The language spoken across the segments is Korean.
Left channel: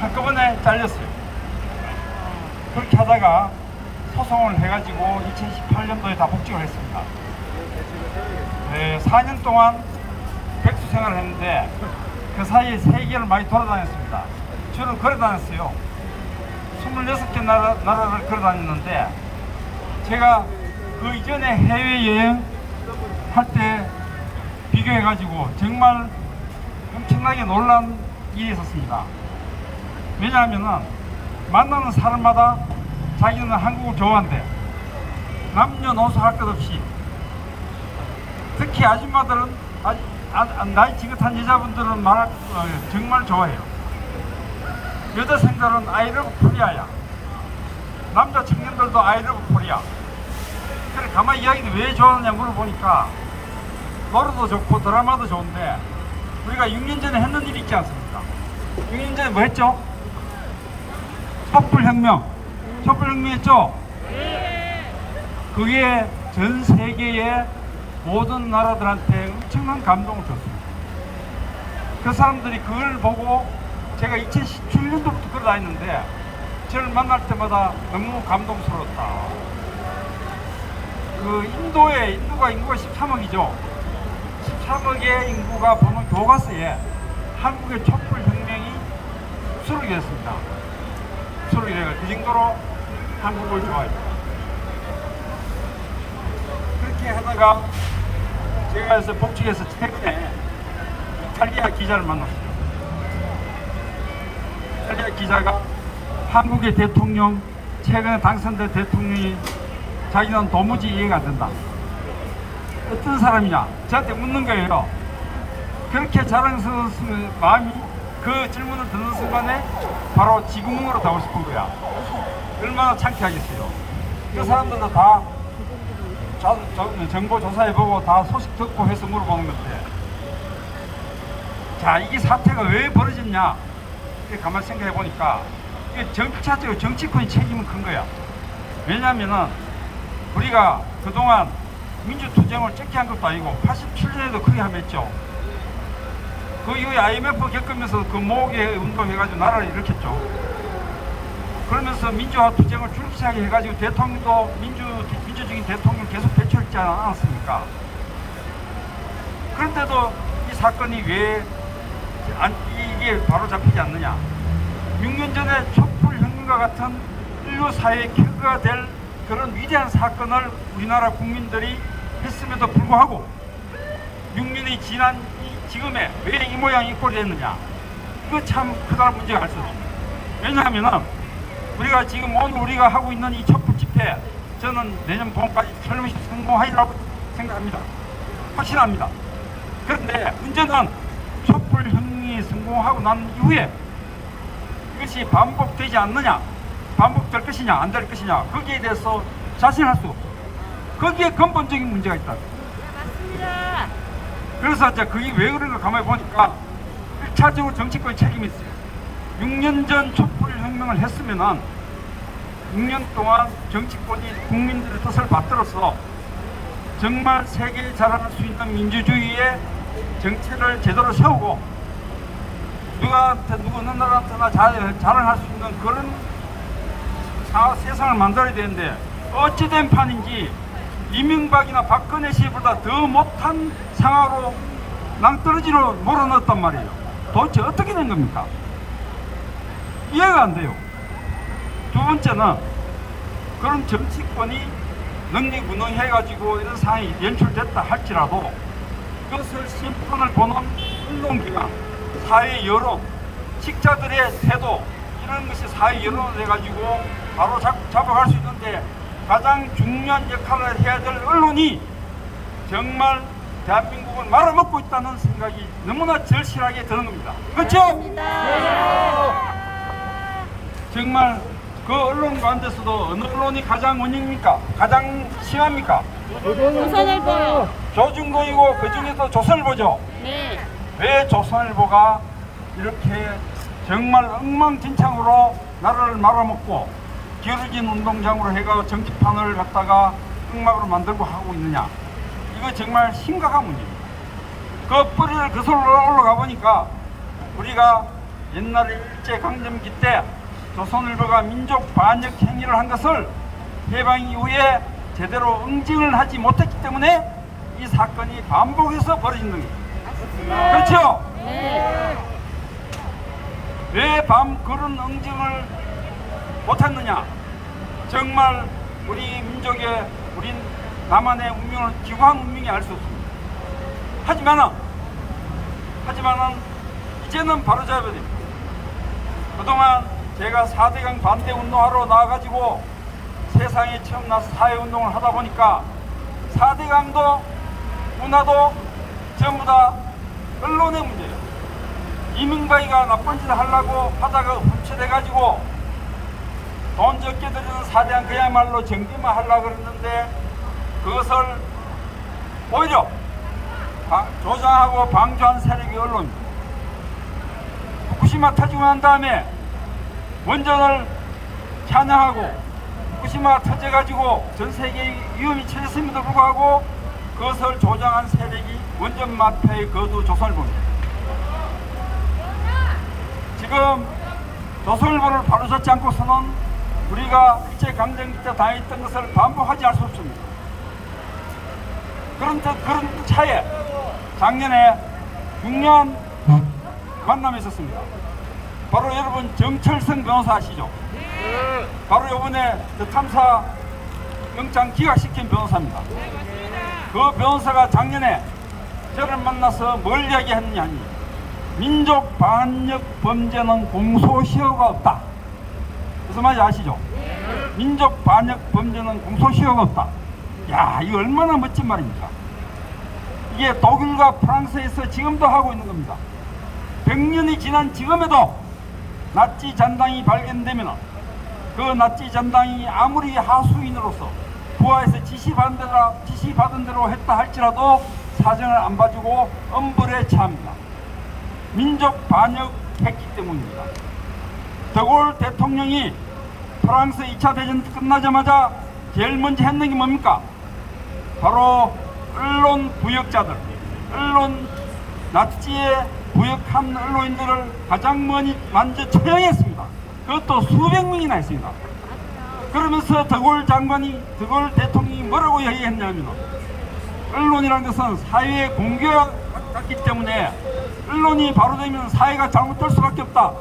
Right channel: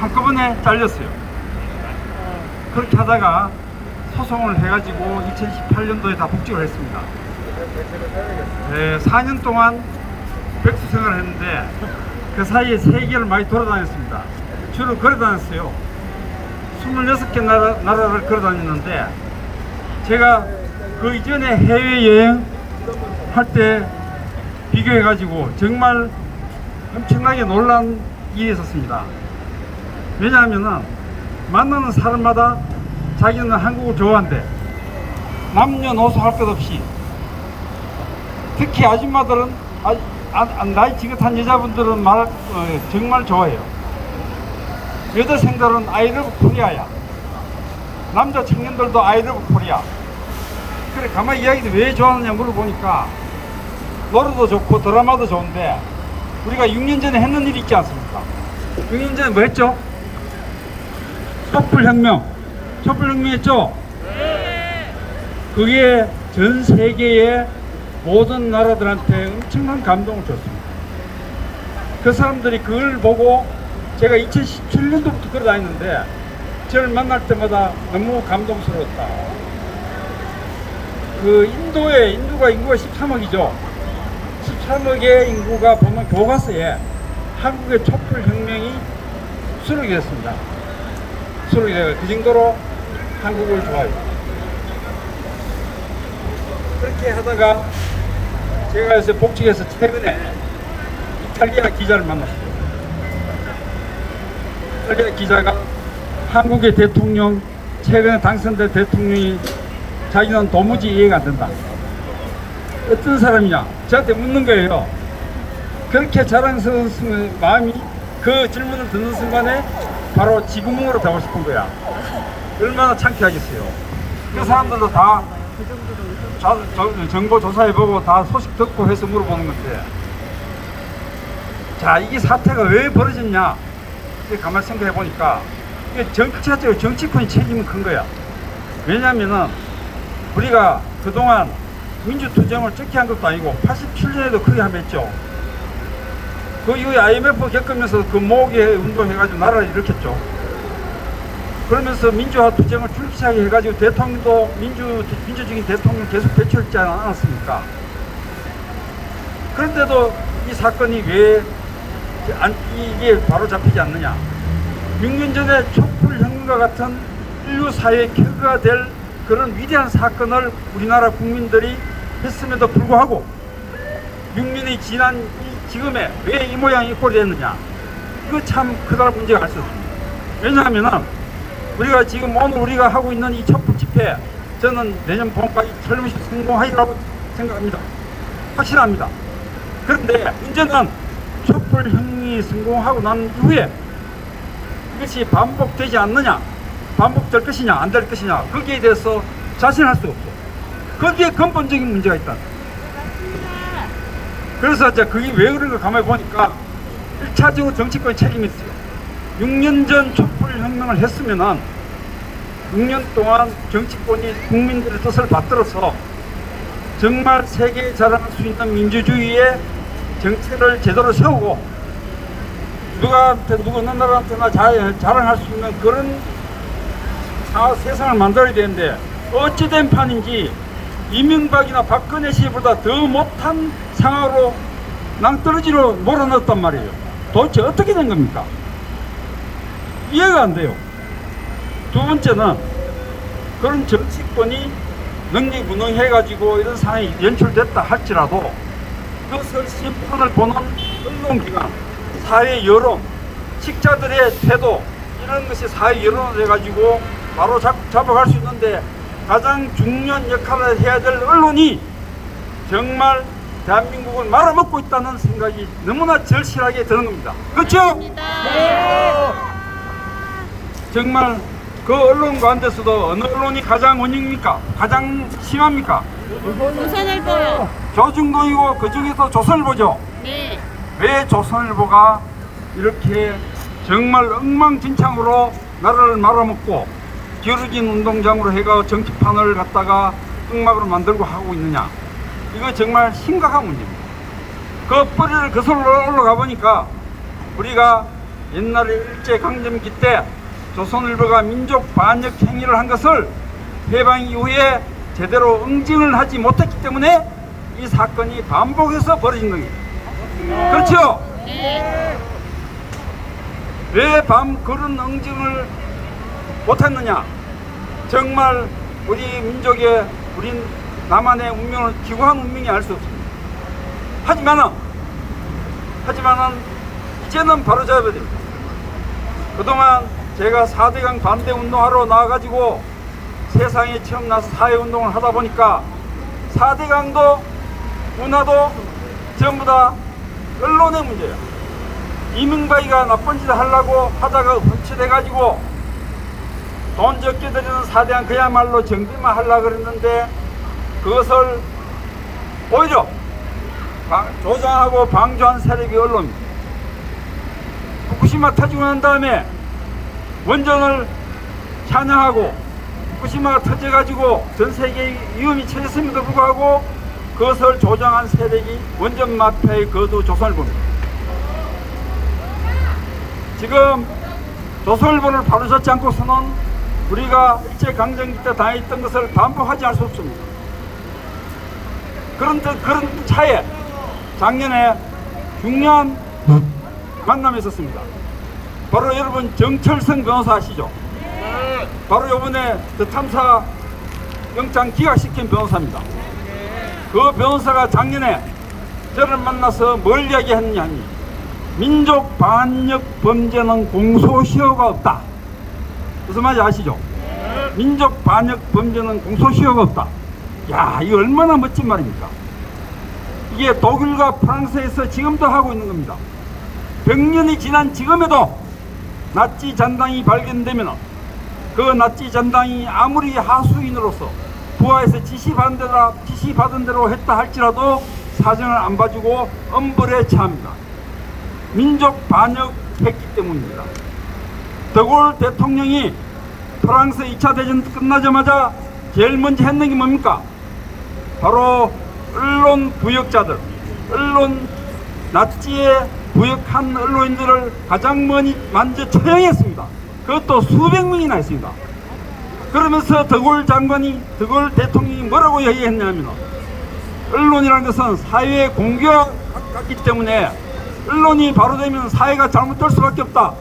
한꺼번에 잘렸어요. 그렇게 하다가 소송을 해가지고 2018년도에 다 복직을 했습니다. 4년 동안 백수 생활을 했는데 그 사이에 세계를 많이 돌아다녔습니다. 주로 걸어다녔어요. 26개 나라를 걸어다녔는데 제가 그 이전에 해외여행 할 때 비교해가지고 정말 엄청나게 놀란 일이 있었습니다. 왜냐하면 만나는 사람마다 자기는 한국을 좋아한대. 남녀노소 할 것 없이 특히 아줌마들은 나이 지긋한 여자분들은 정말 좋아해요. 여대생들은 I love 코리아야. 남자 청년들도 I love 코리아. 그래 가만히 이야기도 왜 좋아하느냐 물어보니까 노래도 좋고 드라마도 좋은데 우리가 6년 전에 했는 일이 있지 않습니까? 6년 전에 뭐 했죠? 촛불혁명. 촛불혁명 했죠? 그게 전 세계의 모든 나라들한테 엄청난 감동을 줬습니다. 그 사람들이 그걸 보고 제가 2017년도부터 걸어다녔는데 저를 만날 때마다 너무 감동스러웠다. 그 인도가 인구가 13억이죠. 13억의 인구가 보면 교과서에 한국의 촛불혁명이 수록이 됐습니다. 수록이 돼요. 그 정도로 한국을 좋아해요. 그렇게 하다가 제가 요새 복직해서 최근에 이탈리아 기자를 만났어요. 이탈리아 기자가 한국의 대통령, 최근에 당선된 대통령이 자기는 도무지 이해가 안 된다. 어떤 사람이냐? 저한테 묻는 거예요. 그렇게 자랑스러운 마음이 그 질문을 듣는 순간에 바로 지구멍으로 가고 싶은 거야. 얼마나 창피하겠어요. 그 사람들도 다 정보 조사해보고 다 소식 듣고 해서 물어보는 건데, 자, 이 사태가 왜 벌어졌냐? 가만히 생각해 보니까 정치적으로 정치권이 책임은 큰 거야. 왜냐면은 우리가 그동안 민주투쟁을 적게 한 것도 아니고 87년에도 크게 한번 했죠. 그 이후에 IMF 겪으면서 그 모으게 운동해가지고 나라를 일으켰죠. 그러면서 민주화 투쟁을 줄기차게 해가지고 대통령도 민주적인 대통령 계속 배출했지 않았습니까? 그런데도 이 사건이 왜 이게 바로 잡히지 않느냐? 6년 전에 촛불혁명과 같은 인류 사회의 켜가 될 그런 위대한 사건을 우리나라 국민들이 했음에도 불구하고 6년이 지난 지금에 왜 이 모양이 꼴이 됐느냐? 이거 참 크다는 문제가 알 수 없습니다. 왜냐하면 우리가 지금 오늘 우리가 하고 있는 이 촛불 집회, 저는 내년 봄까지 철무시 성공하리라고 생각합니다. 확실합니다. 그런데 문제는 촛불혁명이 성공하고 난 이후에 이것이 반복되지 않느냐, 반복될 것이냐 안 될 것이냐, 거기에 대해서 자신할 수 없고 거기에 근본적인 문제가 있다. 그래서 그게 왜 그런가 가만히 보니까 1차적으로 정치권의 책임이 있어요. 6년 전 촛불혁명을 했으면은 6년 동안 정치권이 국민들의 뜻을 받들어서 정말 세계에 자랑할 수 있는 민주주의의 정체를 제대로 세우고 누구한테 어느 나라한테나 자랑할 수 있는 그런 세상을 만들어야 되는데 어찌된 판인지 이명박이나 박근혜 씨보다 더 못한 상황으로 낭떠러지로 몰아넣었단 말이에요. 도대체 어떻게 된 겁니까? 이해가 안 돼요. 두 번째는 그런 정치권이 능력무능해가지고 이런 상황이 연출됐다 할지라도 그것을 심판을 보는 언론기관, 사회 여론, 식자들의 태도, 이런 것이 사회 여론을 해가지고 바로 잡아갈 수 있는데 가장 중요한 역할을 해야 될 언론이 정말 대한민국을 말아먹고 있다는 생각이 너무나 절실하게 드는 겁니다. 그렇죠? 네. 정말 그 언론 가운데서도 어느 언론이 가장 원흉입니까? 가장 심합니까? 조선일보요. 조중동이고 그 중에서 조선일보죠. 네. 왜 조선일보가 이렇게 정말 엉망진창으로 나라를 말아먹고 기울어진 운동장으로 해가 정치판을 갖다가 엉망으로 만들고 하고 있느냐? 이거 정말 심각한 문제입니다. 그 뿌리를 거슬러 올라가 보니까 우리가 옛날에 일제강점기 때 조선일보가 민족 반역 행위를 한 것을 해방 이후에 제대로 응징을 하지 못했기 때문에 이 사건이 반복해서 벌어진 겁니다. 그렇죠? 왜 그런 응징을 못했느냐? 정말 우리 민족의, 우린 남한의 운명을 기구한 운명이 알 수 없습니다. 하지만은 이제는 바로잡아야 됩니다. 그동안 제가 4대강 반대 운동하러 나와가지고 세상에 처음 나서 사회운동을 하다 보니까 4대강도 문화도 전부 다 언론의 문제예요. 이명박이가 나쁜 짓을 하려고 하다가 훔쳐대가지고 돈 적게 들이는 4대강 그야말로 정비만 하려고 그랬는데 그것을 오히려 조장하고 방조한 세력이 언론입니다. 후쿠시마 터지고 난 다음에 원전을 찬양하고 후쿠시마가 터져가지고 전 세계에 위험이 처했음에도 불구하고 그것을 조장한 세력이 원전 마피아의 거두 조선일보입니다. 지금 조선일보를 바로잡지 않고서는 우리가 일제강점기 때 당했던 것을 반복하지 않을 수 없습니다. 그런 차에 작년에 중요한 만남이 있었습니다. 바로 여러분 정철성 변호사 아시죠? 바로 이번에 그 탐사 영장 기각시킨 변호사입니다. 그 변호사가 작년에 저를 만나서 뭘 이야기했느냐 하니 민족 반역 범죄는 공소시효가 없다. 무슨 말인지 아시죠? 민족 반역 범죄는 공소시효가 없다. 야, 이거 얼마나 멋진 말입니까? 이게 독일과 프랑스에서 지금도 하고 있는 겁니다. 100년이 지난 지금에도 나치 잔당이 발견되면 그 나치 잔당이 아무리 하수인으로서 부하에서 지시받은 대로 했다 할지라도 사정을 안 봐주고 엄벌에 처합니다. 민족 반역했기 때문입니다. 드골 대통령이 프랑스 2차 대전 끝나자마자 제일 먼저 했는 게 뭡니까? 바로 언론 부역자들, 언론 나치에 부역한 언론인들을 가장 먼저 처형했습니다. 그것도 수백 명이나 했습니다. 그러면서 드골 대통령이 뭐라고 얘기했냐면 언론이라는 것은 사회의 공개와 같기 때문에 언론이 바로 되면 사회가 잘못될 수밖에 없다.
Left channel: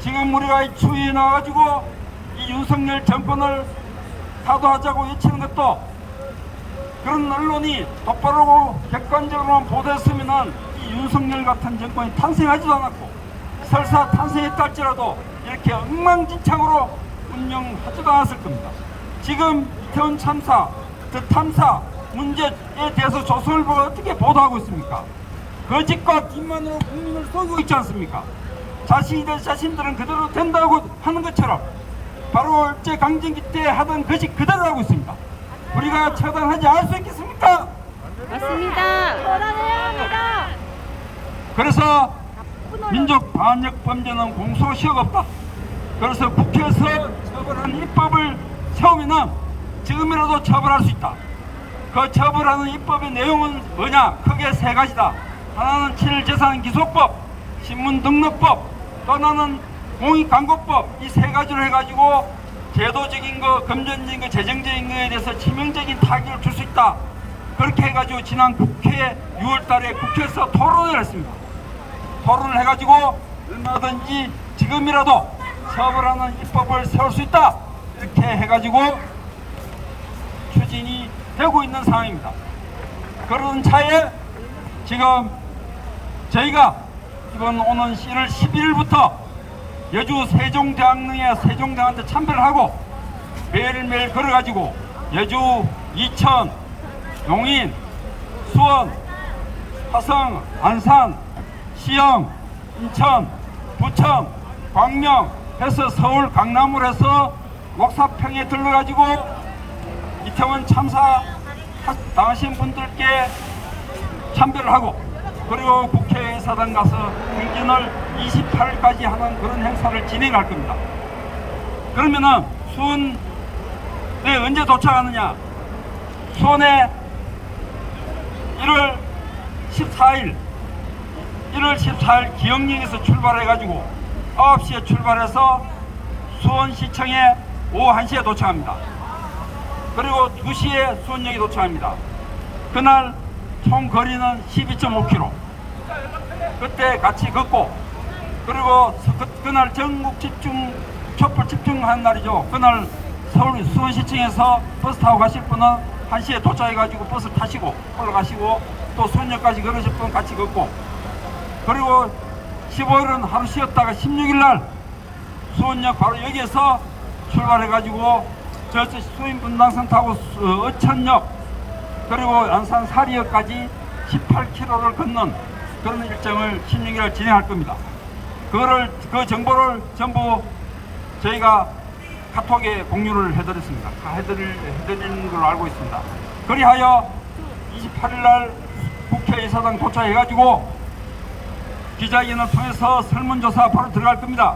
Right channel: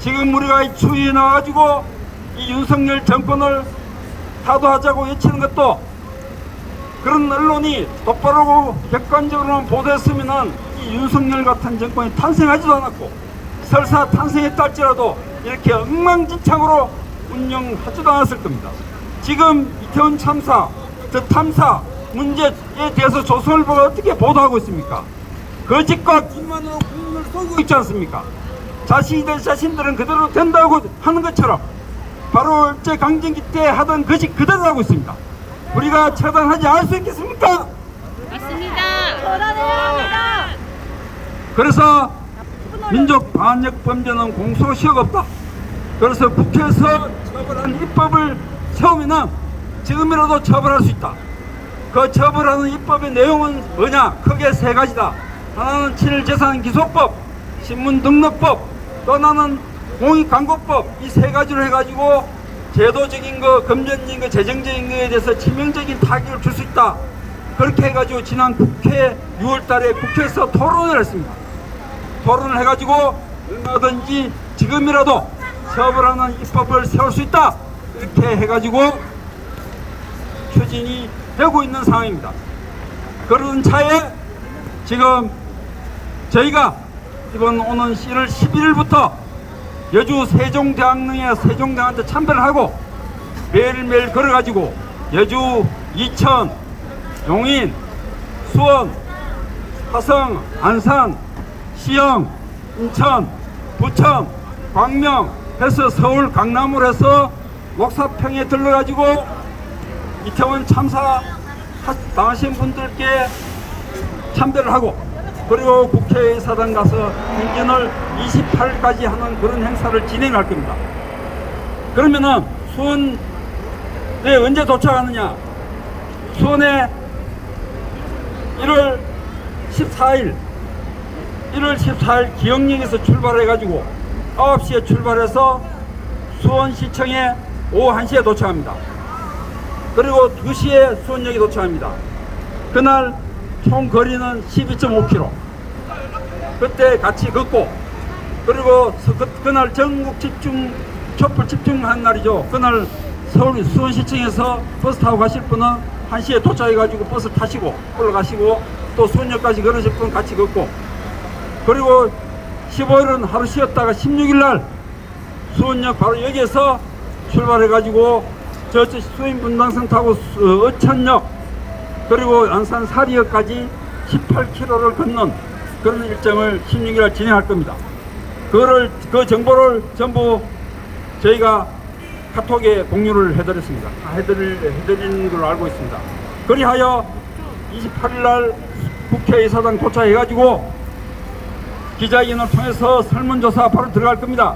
지금 우리가 이 추위에 나와가지고 이 윤석열 정권을 타도하자고 외치는 것도 그런 언론이 똑바로 객관적으로만 보도했으면 이 윤석열 같은 정권이 탄생하지도 않았고 설사 탄생했다 할지라도 이렇게 엉망진창으로 운영하지도 않았을 겁니다. 지금 이태원 참사, 탐사 문제에 대해서 조선일보가 어떻게 보도하고 있습니까? 거짓과 기만으로 국민을 속이고 있지 않습니까? 자신들은 그대로 된다고 하는 것처럼 바로 일제강점기 때 하던 거짓 그대로 하고 있습니다. 우리가 처단하지 않을 수 있겠습니까? 맞습니다. 처단해야 합니다. 그래서 민족 반역 범죄는 공소시효가 없다. 그래서 국회에서 처벌한 입법을 세우면 지금이라도 처벌할 수 있다. 그 처벌하는 입법의 내용은 뭐냐? 크게 세 가지다. 하나는 친일재산기소법, 신문등록법, 또 하나는 공익광고법. 이 세 가지로 해가지고 제도적인 거, 금전적인 거, 재정적인 거에 대해서 치명적인 타격을 줄 수 있다. 그렇게 해가지고 지난 국회 6월달에 국회에서 토론을 했습니다. 토론을 해가지고 얼마든지 지금이라도 처벌하는 입법을 세울 수 있다. 이렇게 해가지고 추진이 되고 있는 상황입니다. 그런 차에 지금 저희가 이번 오는 1월 11일부터 여주 세종대왕릉에 세종대왕한테 참배를 하고 매일매일 걸어가지고 여주, 이천, 용인, 수원, 화성, 안산, 시영, 인천, 부천, 광명 해서 서울, 강남으로 해서 목사평에 들러가지고 이태원 참사 당하신 분들께 참배를 하고 그리고 국회의사당 가서 행진을 28일까지 하는 그런 행사를 진행할 겁니다. 그러면은 수원에 언제 도착하느냐? 수원에 1월 14일 기영역에서 출발해가지고 9시에 출발해서 수원시청에 오후 1시에 도착합니다. 그리고 2시에 수원역에 도착합니다. 그날 총 거리는 12.5km. 그때 같이 걷고, 그리고 그날 전국 집중, 촛불 집중한 날이죠. 그날 서울 수원시청에서 버스 타고 가실 분은 1시에 도착해가지고 버스 타시고 올라가시고, 또 수원역까지 걸으실 분은 같이 걷고, 그리고 15일은 하루 쉬었다가 16일날 수원역 바로 여기에서 출발해가지고 저쪽 수인분당선 타고 어천역, 그리고 안산 사리역까지 18km를 걷는 그런 일정을 16일날 진행할 겁니다. 그 정보를 전부 저희가 카톡에 공유를 해드렸습니다. 다 해드린 걸로 알고 있습니다. 그리하여 28일날 국회의사당 도착해가지고 기자회견을 통해서 설문조사 바로 들어갈 겁니다.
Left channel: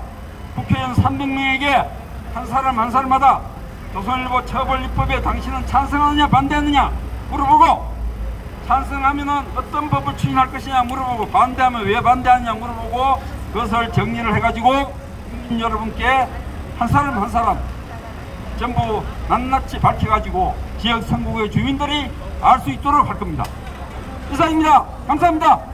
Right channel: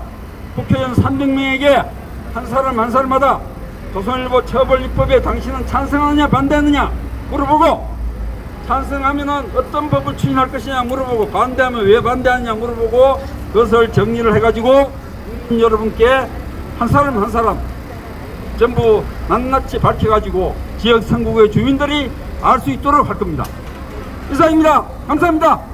국회의원 300명에게 한 사람 한 사람마다 조선일보 처벌입법에 당신은 찬성하느냐 반대하느냐 물어보고, 찬성하면은 어떤 법을 추진할 것이냐 물어보고, 반대하면 왜 반대하느냐 물어보고, 그것을 정리를 해가지고 국민 여러분께 한 사람 한 사람 전부 낱낱이 밝혀가지고 지역 선거구의 주민들이 알 수 있도록 할 겁니다. 이상입니다. 감사합니다.